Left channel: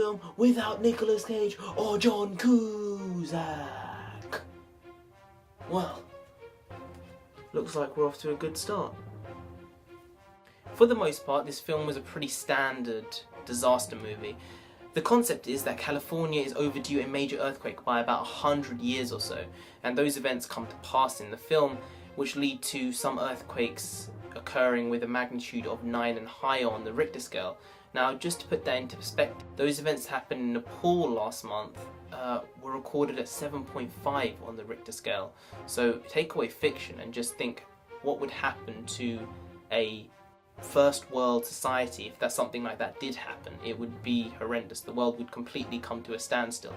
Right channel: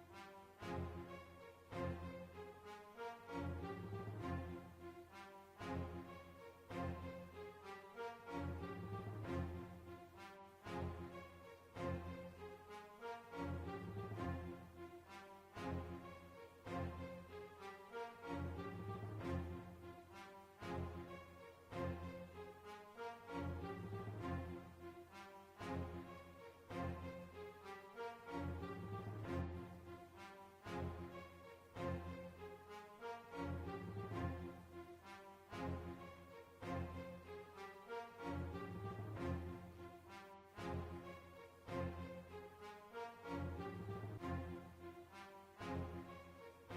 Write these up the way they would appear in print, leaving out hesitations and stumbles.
film without Nicolas Cage or John Cusack. Well, looks like we're off to a good start. For the most part, this film was a pretty standard disaster movie. The concept is that California is overdue a major earthquake by about 100 years or so, and those events come to pass in the film, which lead to some earthquakes occurring with a magnitude of 9 and higher on the Richter scale. Now, just to put that into perspective, those events that happened in Nepal last month were recorded at 7.5 on the Richter scale. So take away fiction and just think what would happen to a first world society if that something like that did happen. It would be horrendous. The world would completely come to a standstill.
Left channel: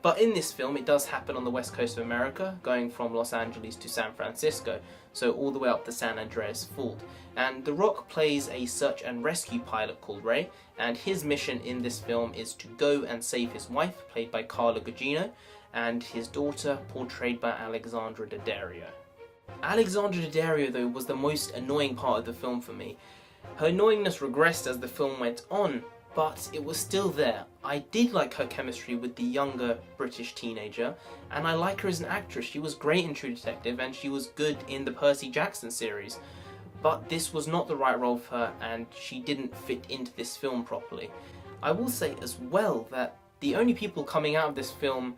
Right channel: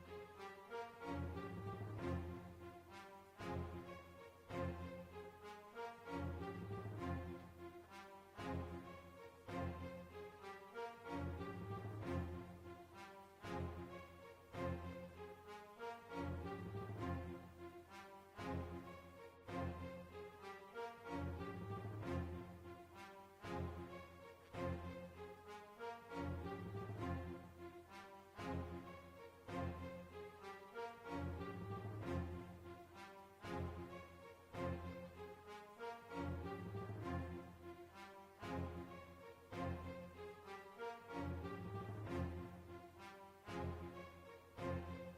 But in this film, it does happen on the west coast of America, going from Los Angeles to San Francisco, so all the way up the San Andreas fault. And The Rock plays a search and rescue pilot called Ray, and his mission in this film is to go and save his wife, played by Carla Gugino, and his daughter, portrayed by Alexandra Daddario. Alexandra Daddario, though, was the most annoying part of the film for me. Her annoyingness regressed as the film went on, but it was still there. I did like her chemistry with the younger British teenager, and I like her as an actress. She was great in True Detective, and she was good in the Percy Jackson series. But this was not the right role for her, and she didn't fit into this film properly. I will say as well that the only people coming out of this film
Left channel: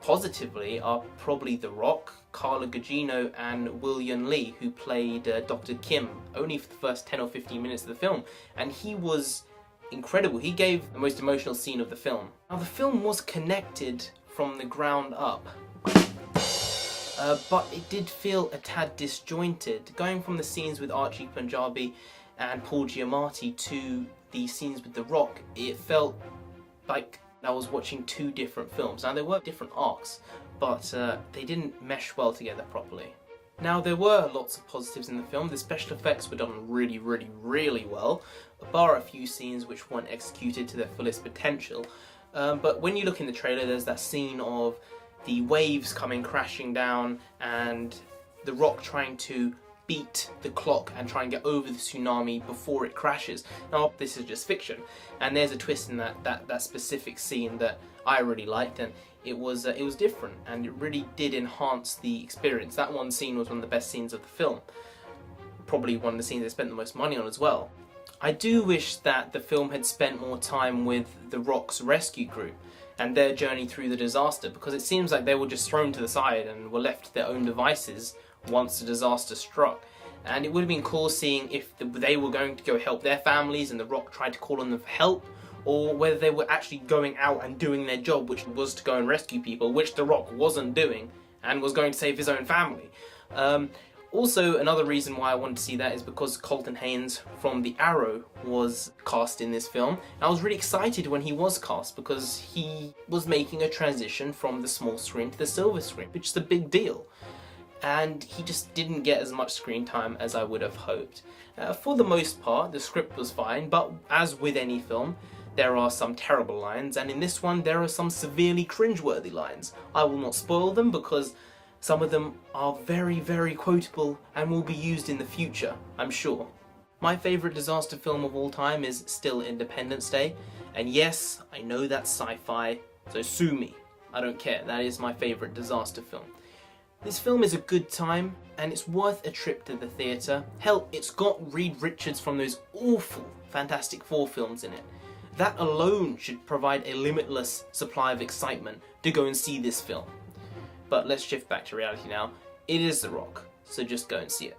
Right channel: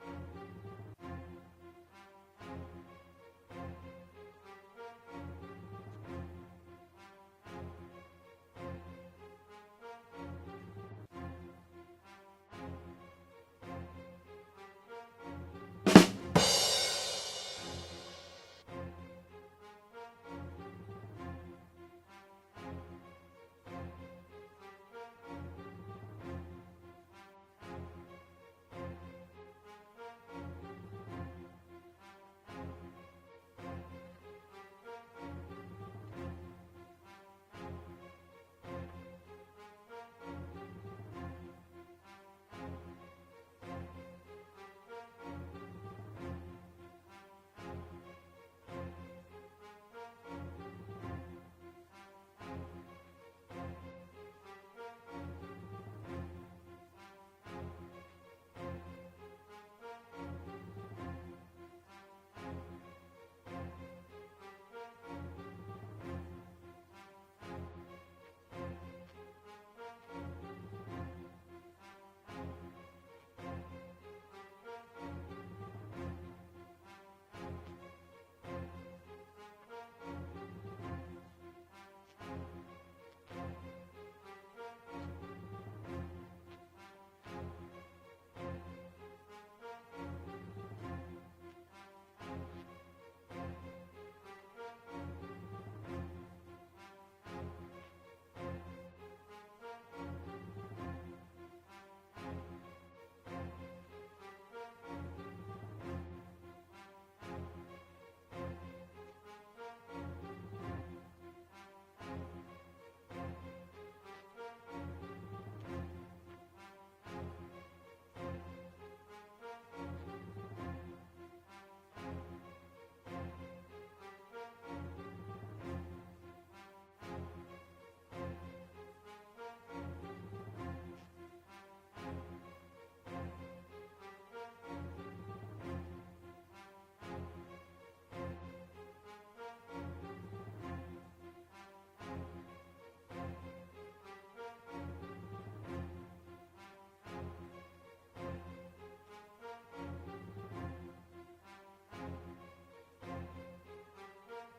positively are probably The Rock, Carla Gugino and William Lee, who played Dr. Kim only for the first 10 or 15 minutes of the film, and he was incredible. He gave the most emotional scene of the film. Now, the film was connected from the ground up, but it did feel a tad disjointed. Going from the scenes with Archie Punjabi and Paul Giamatti to the scenes with The Rock, it felt like I was watching two different films. Now, there were different arcs, but they didn't mesh well together properly. Now, there were lots of positives in the film. The special effects were done really well, bar a few scenes which weren't executed to their fullest potential. But when you look in the trailer, there's that scene of the waves coming crashing down and The Rock trying to beat the clock and try and get over the tsunami before it crashes. Now, this is just fiction, and there's a twist in that specific scene that I really liked, and it was different, and it really did enhance the experience. That one scene was one of the best scenes of the film, probably one of the scenes they spent the most money on as well. I do wish that the film had spent more time with The Rock's rescue crew and their journey through the disaster, because it seems like they were just thrown to the side and were left to their own devices once the disaster struck. And it would have been cool seeing if they were going to go help their families and The Rock tried to call on them for help, or whether they were actually going out and doing their job, which was to go and rescue people, which The Rock wasn't doing and was going to save his own family. Also, another reason why I wanted to see that is because Colton Haynes from The Arrow was cast in this film. I was really excited when he was cast because he was making a transition from the small screen to the silver screen, which is a big deal. And he just didn't get as much screen time as I would have hoped. For the most part, the script was fine, but as with any film, there are some terrible lines, and in this one there are some severely cringeworthy lines. I will not spoil them because some of them are very quotable and will be used in the future, I'm sure. My favourite disaster film of all time is still Independence Day, and yes, I know that's sci-fi, so sue me. I don't care, that is my favourite disaster film. This film is a good time, and it's worth a trip to the theatre. Hell, it's got Reed Richards from those awful Fantastic Four films in it. That alone should provide a limitless supply of excitement to go and see this film. But let's shift back to reality now. It is The Rock, so just go and see it.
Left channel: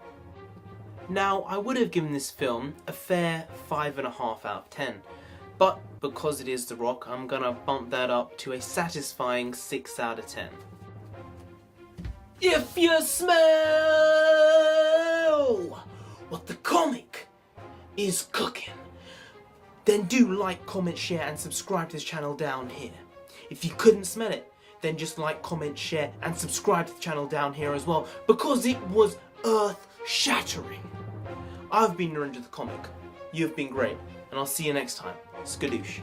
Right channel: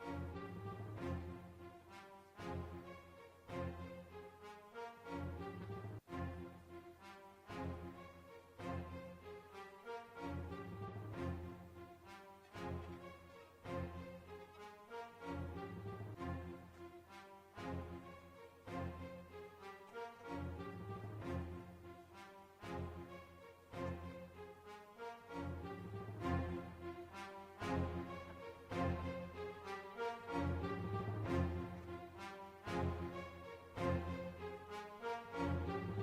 Now, I would have given this film a fair 5.5 out of 10, but because it is The Rock, I'm gonna bump that up to a satisfying 6 out of 10. If you smell what the comic is cooking, then do like, comment, share and subscribe to this channel down here. If you couldn't smell it, then just like, comment, share and subscribe to the channel down here as well, because it was earth-shattering. I've been Narendra the Comic, you've been great, and I'll see you next time. Skadoosh.